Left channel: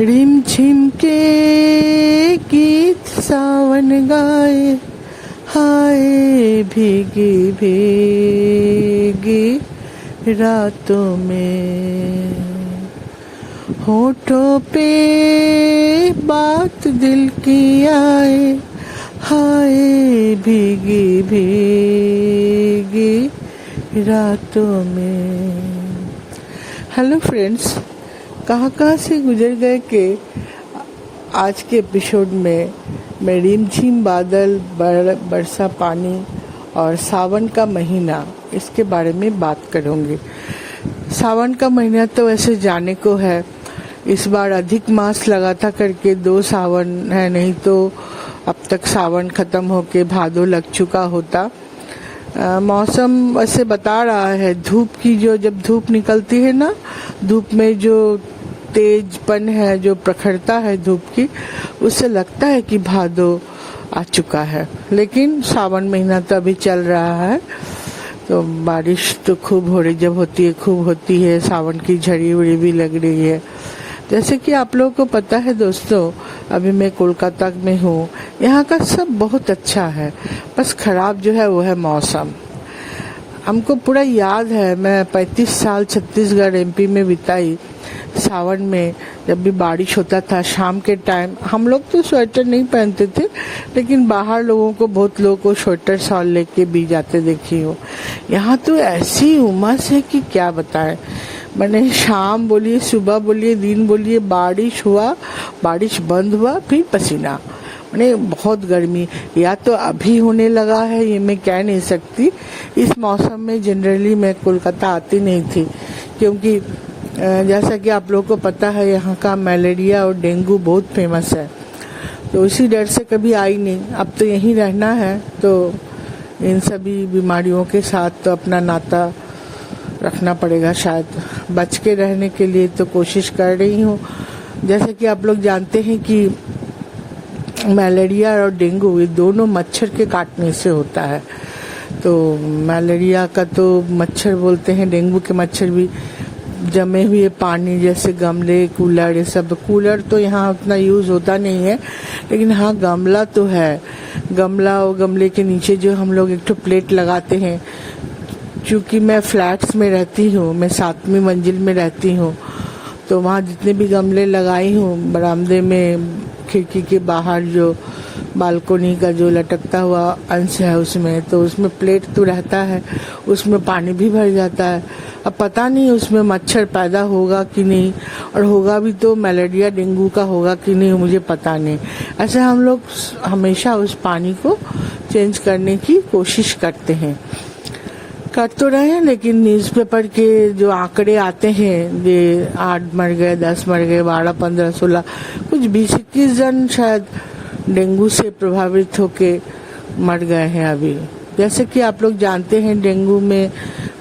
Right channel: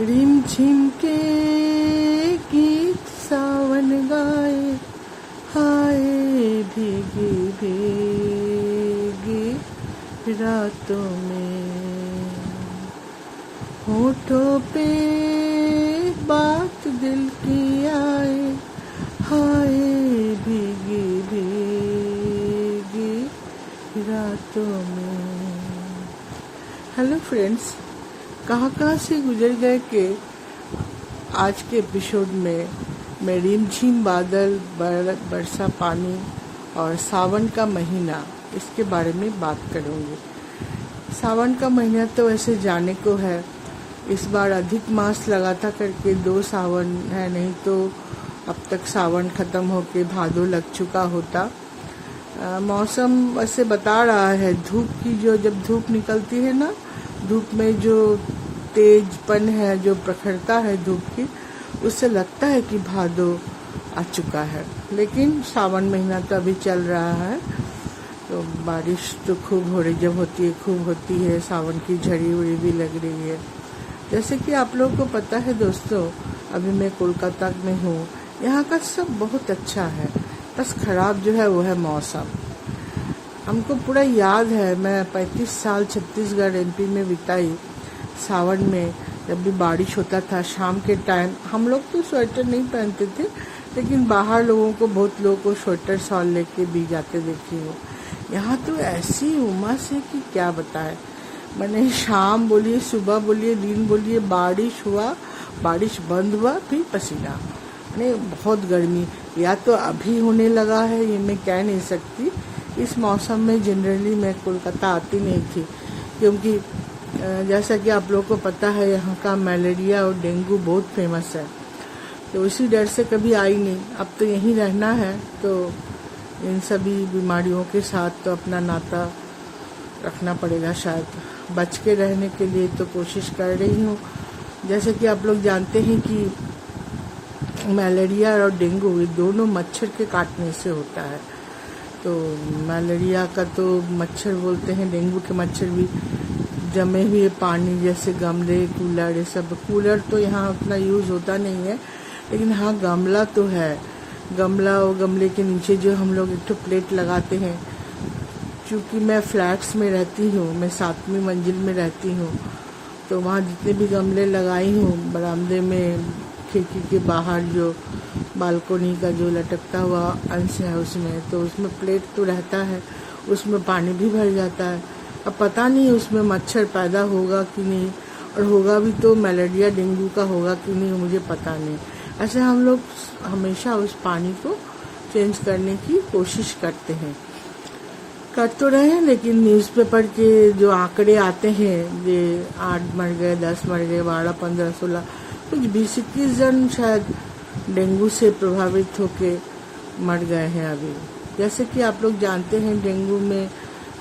Rim झिम के गीत सावन गाए, हाय भीगी भीगी रातों में, होठों पे बात दिल की आए, हाय भीगी भीगी रातों में। हेलो फ्रेंड्स, कहाँ से गुजर गए कि आज के एपिसोड में मैं रिमझिम बादल, बरसा पानी और सावन का महीना, इसके बारे में बात करूँगी। सावन का महीना तो वैसे जाने को है, इस बार अधिक मास लगा था करके 2 सावन है, नहीं तो अब तक सावन खत्म होके भादो लग चुका होता। मौसम वैसे बता रहा है धूप की, जो जब धूप निकलती है ना, धूप में जो तेजपन है, जो प्रखरता है धूप की, उससे लगता है कि भादो आ चुका है। लेकिन सावन महीना तो अभी चल रहा है, तो बारिश तो खूब हो रही, जब होती है खूब होती है, सावन की झड़ी उड़ी भी लग रही है। जैसे कि आप लोगों को पता है दोस्तों, अभी मैं कोलकाता में हूँ। यहाँ का सब बहुत अच्छा है, बस खराब जो है वो है मौसम। हमको पूरा याद है, मैं 35 साल छत्तीसगढ़ एमपी में बिताई। सावन में जब भी बारिश होता था शाम के टाइम, हम लोग तो स्वेटर नहीं पहनते थे, लेकिन बाहर लोगों को, बहुत लोगों को स्वेटर शॉल लेके भी जाते देखी हो। यहाँ तो ऐसी उमस है कि क्या बताएं। मैंने शाम बोलिए, सुबह बोलिए, दिन बोलिए, बारिश हुआ, बारिश बंद हुआ, फिर पसीना, मैंने बहुत गर्मी। या तो अभी होने लगा है, ये मैं कह नहीं सकती। इस मौसम में जनरली मैं कोलकाता आती नहीं थी, क्योंकि जैसा कि आप लोगों को पता है यहाँ का मलेरिया और डेंगू बहुत फेमस है, तो इसी डर से कभी आई नहीं। अब तो यहीं रहना है, तो इन सभी बीमारियों के साथ तो अपना नाता रखना पड़ेगा। शायद बच के रहने के लिए तो कोशिश कर रही हूँ। जैसे कि आप लोग जानते हैं कि मलेरिया और डेंगू ये दोनों मच्छर के काटने से होता है। तो मलेरिया का तो मच्छर बोलते हैं, डेंगू के मच्छर भी जमे हुए पानी, जैसे गमले, कूलर, ये सब। कूलर तो यहाँ उतना यूज होता नहीं है, लेकिन हाँ गमला तो है। गमला और गमले के नीचे जो हम लोग एक तो प्लेट लगाते हैं। चूँकि मैं फ्लैट्स में रहती हूँ, मैं 7वीं मंजिल में रहती हूँ, तो वहाँ जितने भी गमले लगाई हूँ, बरामदे में, खिड़की के बाहर जो बालकोनी का जो लटकता हुआ अंश है उसमें, तो उसमें प्लेट तो रहता है, उसमें पानी भी भर जाता है। अब पता नहीं उसमें मच्छर पैदा होगा कि नहीं, और होगा भी तो मलेरिया डेंगू का होगा कि नहीं, मुझे पता नहीं। ऐसे हम लोग हमेशा उस पानी को चेंज करने की कोशिश करते हैं, कर तो रहे हैं। लेकिन न्यूज़पेपर के जो आंकड़े आते हैं, ये 8 मर गए, 10 मर गए, 12, 15, 16, कुछ 20-21 जन शायद डेंगू से प्रभावित होके मर गए हैं अभी। जैसे कि आप लोग जानते हैं, डेंगू में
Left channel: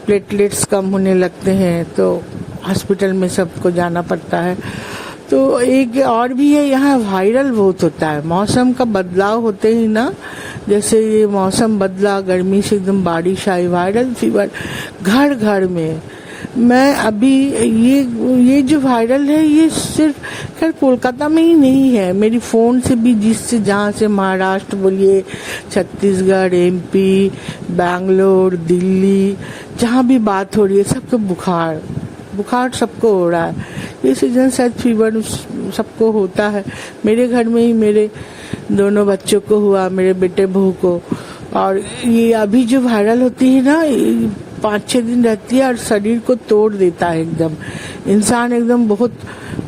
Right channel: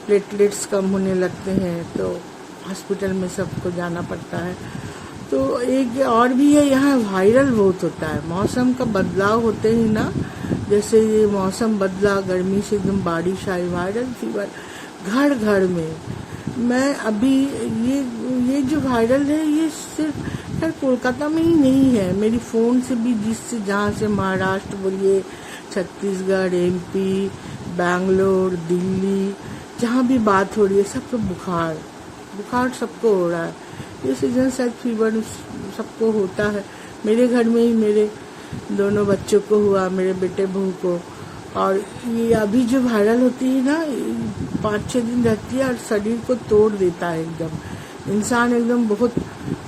प्लेटलेट्स कम होने लगते हैं, तो हॉस्पिटल में सबको जाना पड़ता है। तो एक और भी है, यहाँ वायरल बहुत होता है। मौसम का बदलाव होते ही ना, जैसे ये मौसम बदला, गर्मी से एकदम बारिश आई, वायरल फीवर घर घर में। मैं अभी ये जो वायरल है, ये सिर्फ खैर कोलकाता में ही नहीं है, मेरी फ़ोन से भी, जिससे जहाँ से महाराष्ट्र बोलिए, छत्तीसगढ़, एमपी, बैंगलोर, दिल्ली, जहाँ भी बात हो रही है, सबको बुखार सबको हो रहा है। ये सीजन शायद फीवर सबको होता है। मेरे घर में ही मेरे दोनों बच्चों को हुआ, मेरे बेटे बहू को। और ये अभी जो वायरल होती है ना, 5-6 दिन रहती है और शरीर को तोड़ देता है एकदम। इंसान एकदम बहुत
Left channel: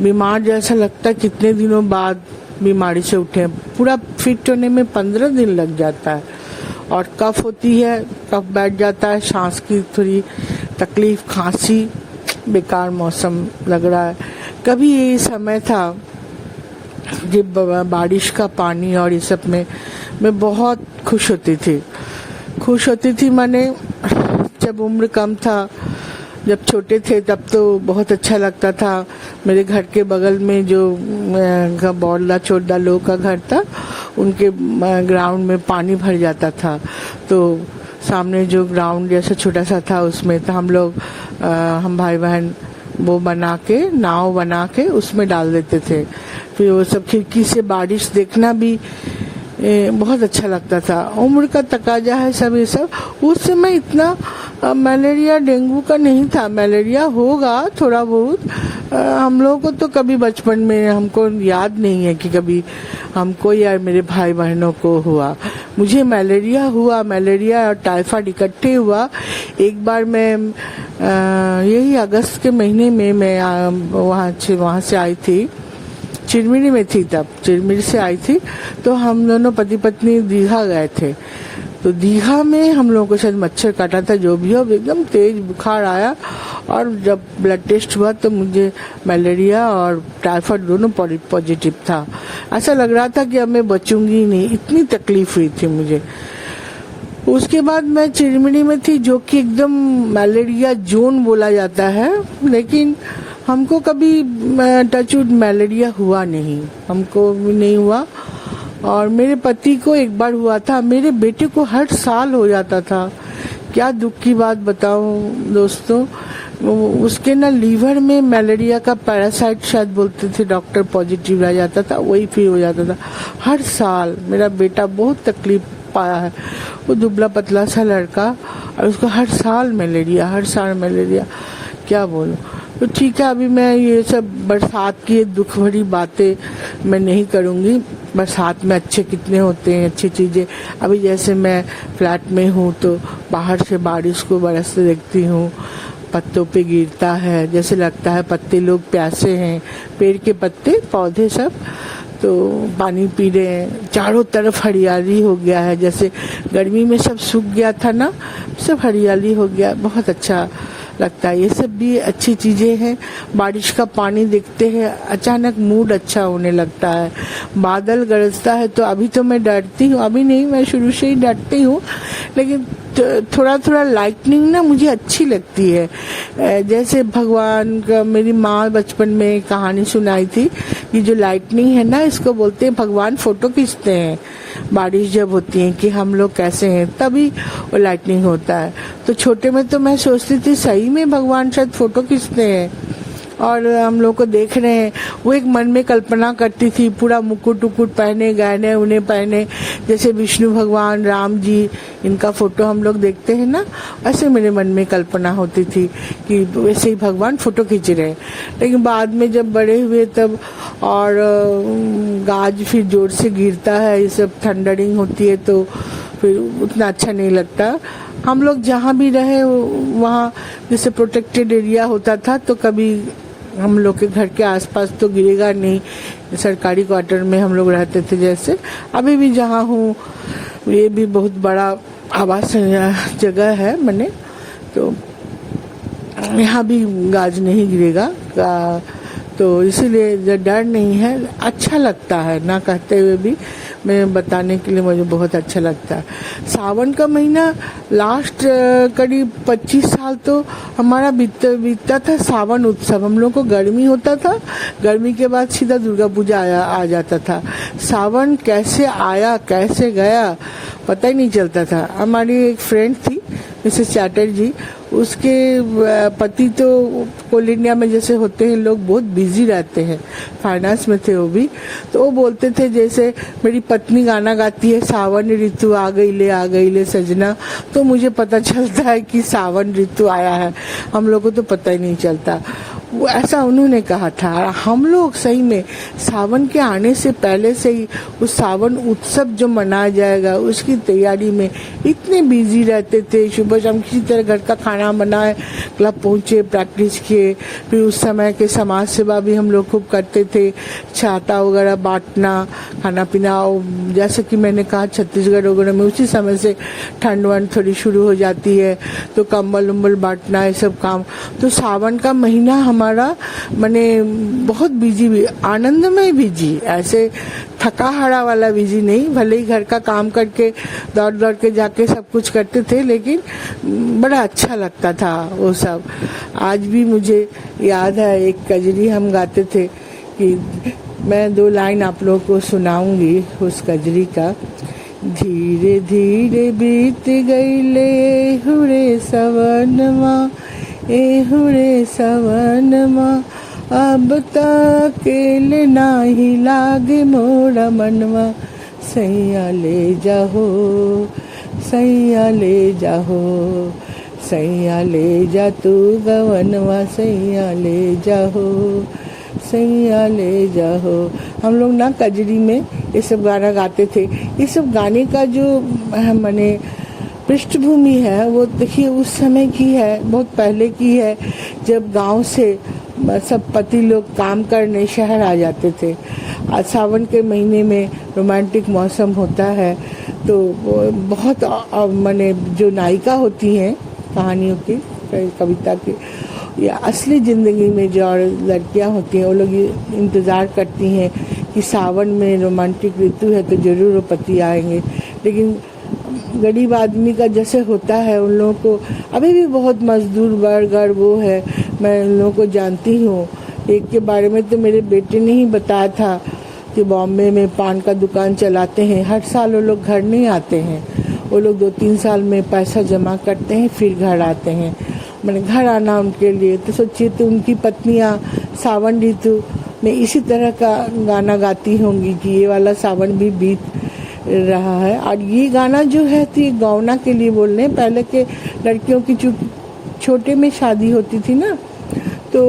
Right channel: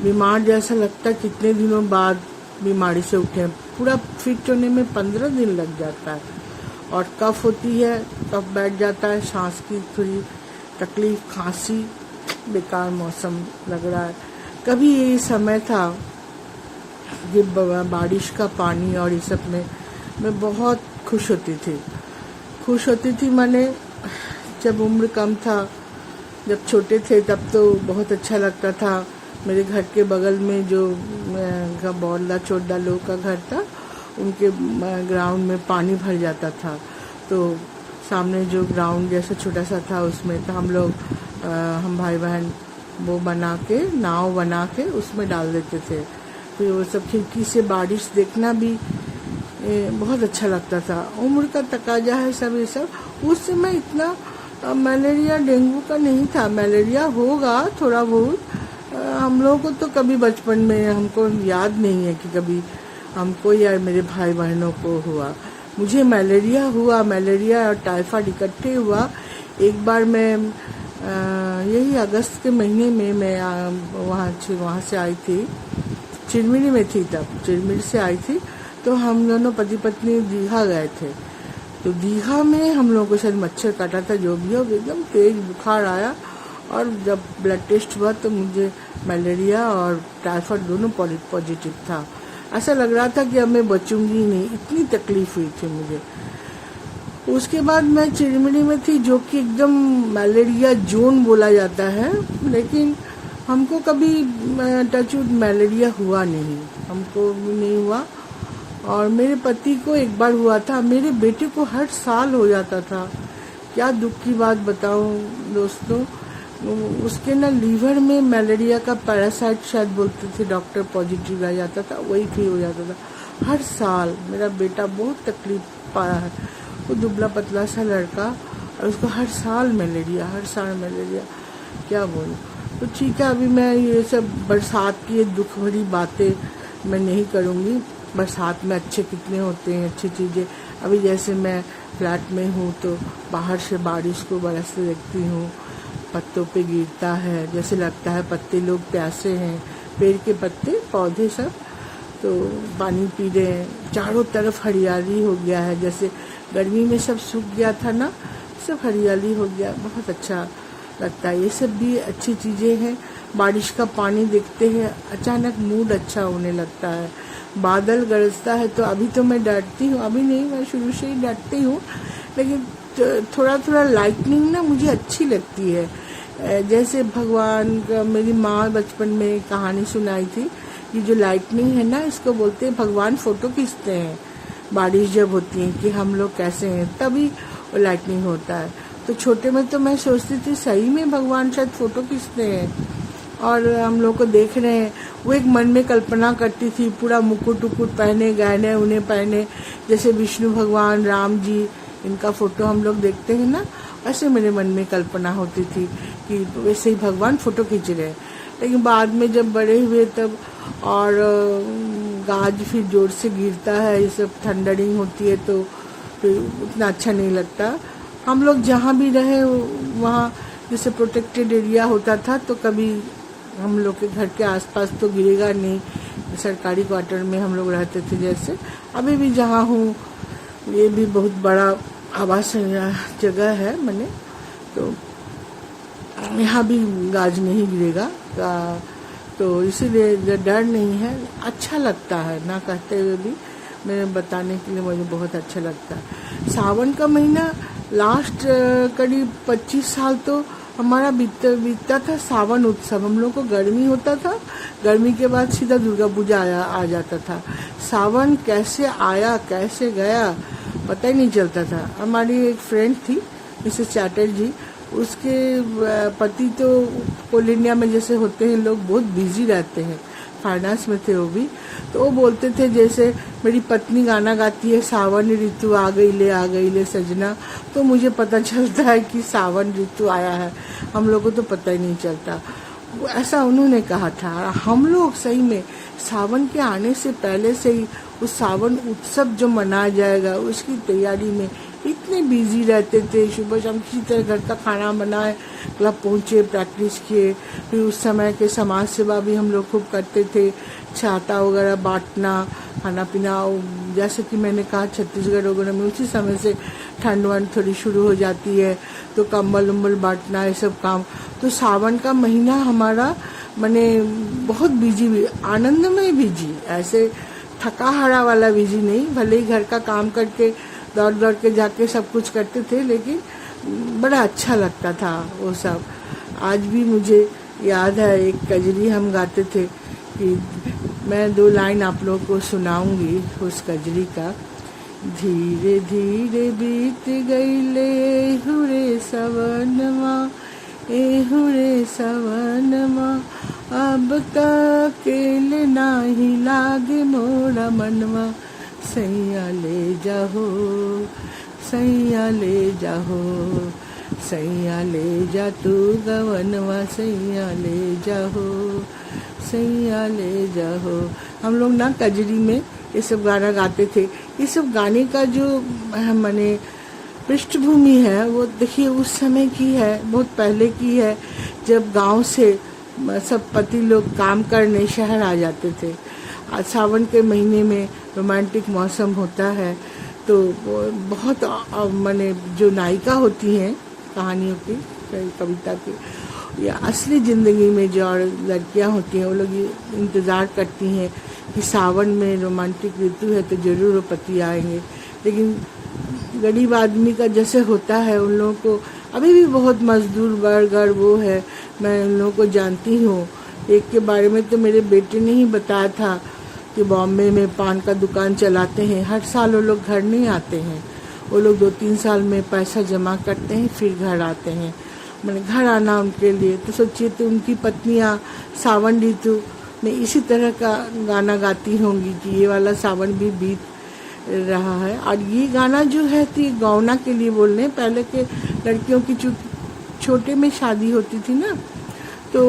बीमार जैसा लगता है, कितने दिनों बाद बीमारी से उठे। पूरा फिट होने में 15 दिन लग जाता है। और कफ होती है, कफ बैठ जाता है, सांस की थोड़ी तकलीफ, खांसी, बेकार मौसम लग रहा है। कभी ये समय था जब बारिश का पानी और ये सब में मैं बहुत खुश होती थी। मैंने जब उम्र कम था, जब छोटे थे, तब तो बहुत अच्छा लगता था। मेरे घर के बगल में जो बौरला चोडा लोग का घर था, उनके ग्राउंड में पानी भर जाता था। तो सामने जो ग्राउंड जैसा छोटा सा था, उसमें तो हम भाई बहन वो बना के, नाव बना के उसमें डाल देते थे। फिर वो सब खिड़की से बारिश देखना भी बहुत अच्छा लगता था। उम्र का तकाजा है सब ये सब। उस समय इतना मलेरिया डेंगू का नहीं था। मलेरिया होगा थोड़ा बहुत। हम लोगों को तो कभी बचपन में हमको याद नहीं है कि कभी हमको या मेरे भाई बहनों को हुआ। मुझे मलेरिया हुआ, मलेरिया और टाइफाइड इकट्ठे हुआ। एक बार मैं यही अगस्त के महीने में मैं वहाँ से आई थी, चिरमिरी में थी तब, चिरमिरी से आई थी। तो हम दोनों पति पत्नी दीघा गए थे। तो दीघा में हम लोगों को शायद मच्छर काटा था, जो भी हो, एकदम तेज बुखार आया। और जब ब्लड टेस्ट हुआ तो मुझे मलेरिया और टाइफाइड दोनों पॉजिटिव था। ऐसा लग रहा था कि अब मैं बचूंगी नहीं, इतनी तकलीफ हुई थी मुझे। उसके बाद मैं चिरमिरी में थी, जो कि एकदम मलेरिया जोन बोला जाता है, लेकिन हमको कभी टचवुड मलेरिया हुआ नहीं, हमको भी नहीं हुआ। और मेरे पति को एक बार हुआ था। मेरे बेटे को हर साल हो जाता था। क्या दुख की बात बताऊं दोस्तों, उसके ना लीवर में मलेरिया का पैरासाइट शायद बोलते थे डॉक्टर, पॉजिटिव आ जाता था, वही फिर हो जाता था हर साल। मेरा बेटा बहुत तकलीफ पाया है। वो दुबला पतला सा लड़का, और उसको हर साल मलेरिया, क्या बोलूं। तो ठीक है, अभी मैं ये सब बरसात की दुख भरी बातें मैं नहीं करूंगी। बरसात में अच्छे कितने होते हैं, अच्छी चीजें। अभी जैसे मैं फ्लैट में हूँ तो बाहर से बारिश को बरसते देखती हूँ, पत्तों पे गिरता है, जैसे लगता है पत्ते लोग प्यासे हैं, पेड़ के पत्ते पौधे सब तो पानी पी रहे हैं। चारों तरफ हरियाली हो गया है, जैसे गर्मी में सब सूख गया था ना, सब हरियाली हो गया, बहुत अच्छा लगता है। ये सब भी अच्छी चीजें हैं। बारिश का पानी देखते हैं, अचानक मूड अच्छा होने लगता है। बादल गरजता है तो अभी तो मैं डरती हूँ, अभी नहीं, मैं शुरू से ही डरती हूँ, लेकिन थोड़ा थोड़ा लाइटनिंग ना मुझे अच्छी लगती है। जैसे भगवान का, मेरी माँ बचपन में कहानी सुनाई थी कि जो लाइटनिंग है ना, इसको बोलते हैं भगवान फोटो खींचते हैं। बारिश जब होती है कि हम लोग कैसे हैं, तभी वो लाइटनिंग होता है। तो छोटे में तो मैं सोचती थी सही में भगवान शायद फोटो खींचते हैं और हम लोग को देख रहे हैं। वो एक मन में कल्पना करती थी, पूरा मुकुट उकुट पहने, गहने उन्हें पहने, जैसे विष्णु भगवान, राम जी, इनका फोटो हम लोग देखते हैं ना, वैसे मेरे मन में कल्पना होती थी कि वैसे ही भगवान फोटो खींच रहे हैं। लेकिन बाद में जब बड़े हुए तब, और गाज फिर जोर से गिरता है, ये सब थंडरिंग होती है तो फिर उतना अच्छा नहीं लगता। हम लोग जहाँ भी रहे वहाँ जैसे प्रोटेक्टेड एरिया होता था, तो कभी हम लोग के घर के आसपास तो गिरेगा नहीं। सरकारी क्वार्टर में हम लोग रहते थे, जैसे अभी भी जहाँ हूँ, ये भी बहुत बड़ा आवास जगह है मैंने, तो यहाँ भी गाज नहीं गिरेगा का, तो इसीलिए डर नहीं है। अच्छा लगता है ना, कहते हुए भी मैं बताने के लिए मुझे बहुत अच्छा लगता है। सावन का महीना लास्ट करीब 25 साल तो हमारा बीतता था सावन उत्सव। हम लोग को गर्मी होता था, गर्मी के बाद सीधा दुर्गा पूजा आ जाता था। सावन कैसे आया कैसे गया पता ही नहीं चलता था। हमारी एक फ्रेंड थी मिसेस चैटर्जी, उसके पति तो कोल इंडिया में जैसे होते हैं लोग, बहुत बिजी रहते हैं, फाइनेंस में थे वो भी। तो वो बोलते थे जैसे मेरी पत्नी गाना गाती है, सावन ऋतु आ गई ले सजना, तो मुझे पता चलता है कि सावन ऋतु आया है। हम लोग को तो पता ही नहीं चलता। वो ऐसा उन्होंने कहा था। हम लोग सही में सावन के आने से पहले से ही उस सावन उत्सव जो मनाया जाएगा उसकी तैयारी में इतने बिजी रहते थे। सुबह शाम किसी तरह घर का खाना बनाए, क्लब पहुंचे, प्रैक्टिस किए। फिर उस समय के समाज सेवा भी हम लोग खूब करते थे, छाता वगैरह बांटना, खाना पीना। जैसे कि मैंने कहा छत्तीसगढ़ वगैरह में उसी समय से ठंड वंड थोड़ी शुरू हो जाती है, तो कंबल उम्बल बांटना, ये सब काम। तो सावन का महीना हमारा माने बहुत बिजी, आनंदमय बिजी, ऐसे थका हारा वाला बिजी नहीं। भले ही घर का काम करके दौड़ दौड़ के जाके सब कुछ करते थे, लेकिन बड़ा अच्छा लगता था वो सब। आज भी मुझे याद है एक कजरी हम गाते थे, कि मैं 2 लाइन आप लोगों को सुनाऊंगी उस कजरी का। धीरे धीरे बीत गईले हुरे सवनवा, एहुरे सवनमा अब अकेले नाही लागे मोरा मनवा सैया ले जाहो सैया ले जाहो सैया ले जा तू गवनवा सैया ले जाहो सैया ले जाहो। हम लोग ना कजरी में ये सब गाना गाते थे। ये सब गाने का जो माने पृष्ठभूमि है वो देखिए उस समय की है, बहुत पहले की है, जब गांव से सब पति लोग काम करने शहर आ जाते थे। आज सावन के महीने में रोमांटिक मौसम होता है तो बहुत माने जो नायिका होती हैं कहानियों की, कविता की या असली ज़िंदगी में जो लड़कियां होती हैं वो लोग इंतज़ार करती हैं कि सावन में रोमांटिक ऋतु है तो ज़रूर वो पति आएंगे। लेकिन गरीब आदमी का जैसे होता है उन लोगों को अभी भी बहुत मजदूर वर्ग वो है। मैं उन लोगों को जानती हूँ। एक के बारे में तो मेरे बेटे ने ही बताया था कि बॉम्बे में पान का दुकान चलाते हैं। हर साल वो लोग घर नहीं आते हैं, वो लोग 2-3 साल में पैसा जमा करते हैं फिर घर आते हैं। मैंने घर आना उनके लिए तो सोचिए तो उनकी पत्नियां सावन ऋतु में इसी तरह का गाना गाती होंगी कि ये वाला सावन भी बीत रहा है। और ये गाना जो है तो ये गौना के लिए बोल रहे हैं। पहले के लड़कियों की छोटे में शादी होती थी ना, तो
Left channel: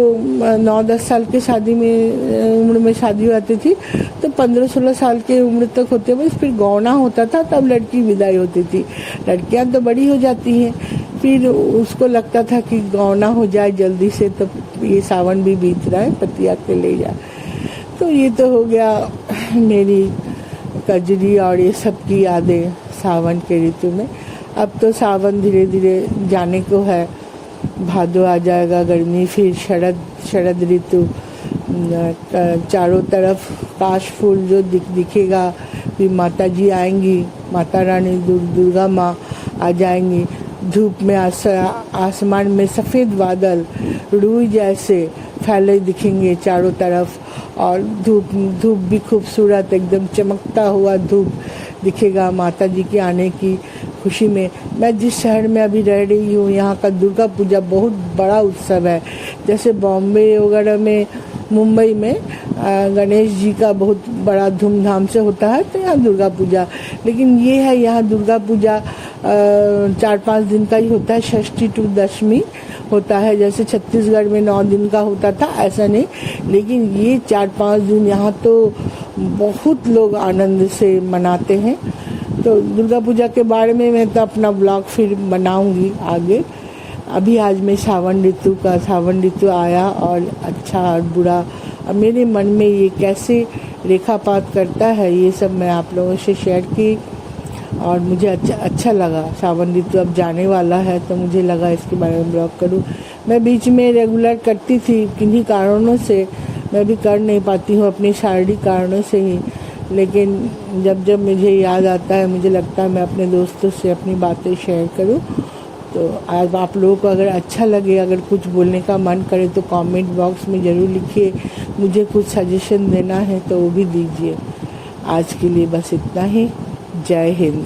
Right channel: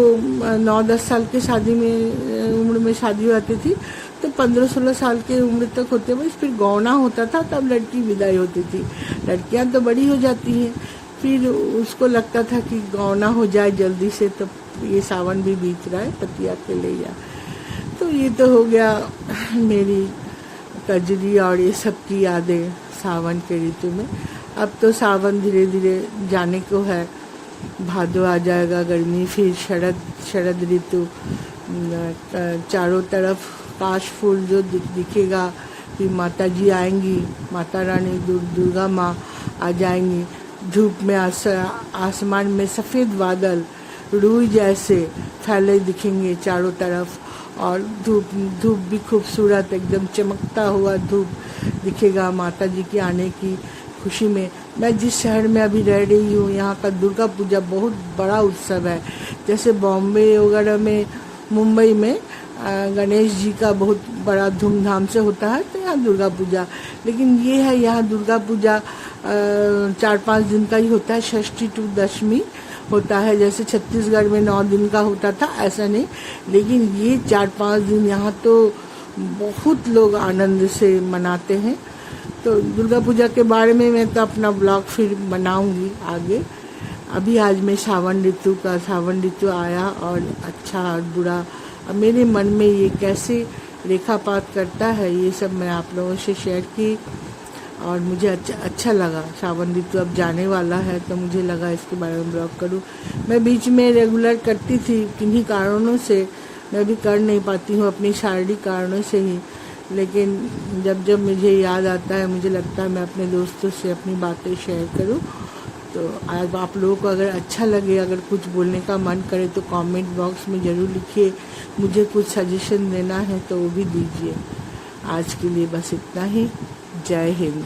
9-10 साल के शादी में उम्र में शादी होती थी, तो 15-16 साल के उम्र तक होते हुए फिर गौना होता था, तब लड़की विदाई होती थी। लड़कियां तो बड़ी हो जाती हैं, फिर उसको लगता था कि गौना हो जाए जल्दी से, तो ये सावन भी बीत रहा है, पति आके ले जाए। तो ये तो हो गया मेरी कजरी और ये सब की यादें सावन के ऋतु में। अब तो सावन धीरे धीरे जाने को है, भादो आ जाएगा, गर्मी, फिर शरद ऋतु, चारों तरफ काश फूल जो दिखेगा, फिर माता जी आएंगी, माता रानी दुर्गा माँ आ जाएंगी। धूप में आसमान में सफ़ेद बादल रूई जैसे फैले दिखेंगे चारों तरफ, और धूप भी खूबसूरत एकदम चमकता हुआ धूप दिखेगा माता जी के आने की खुशी में। मैं जिस शहर में अभी रह रही हूँ यहाँ का दुर्गा पूजा बहुत बड़ा उत्सव है। जैसे बॉम्बे वगैरह में, मुंबई में गणेश जी का बहुत बड़ा धूमधाम से होता है, तो यहाँ दुर्गा पूजा, लेकिन ये है यहाँ दुर्गा पूजा 4-5 दिन का ही होता है, षष्ठी टू दशमी होता है। जैसे छत्तीसगढ़ में 9 दिन का होता था, ऐसा नहीं, लेकिन ये 4-5 दिन यहाँ तो बहुत लोग आनंद से मनाते हैं। तो दुर्गा पूजा के बारे में मैं तो अपना ब्लॉग फिर बनाऊंगी आगे। अभी आज मैं सावन ऋतु आया और अच्छा और बुरा, अब मेरे मन में ये कैसे रेखापात करता है ये सब मैं आप लोगों से शेयर की, और मुझे अच्छा लगा। सावन ऋतु अब जाने वाला है तो मुझे लगा इसके बारे में ब्लॉग करूँ। मैं बीच में रेगुलर करती थी, किन्हीं कारणों से मैं भी कर नहीं पाती हूँ, अपने शारीरिक कारणों से ही, लेकिन जब मुझे याद आता है, मुझे लगता है मैं अपने दोस्तों से अपनी बातें शेयर करूं। तो आज आप लोगों को अगर अच्छा लगे, अगर कुछ बोलने का मन करे तो कमेंट बॉक्स में ज़रूर लिखिए। मुझे कुछ सजेशन देना है तो वो भी दीजिए। आज के लिए बस इतना ही। जय हिंद।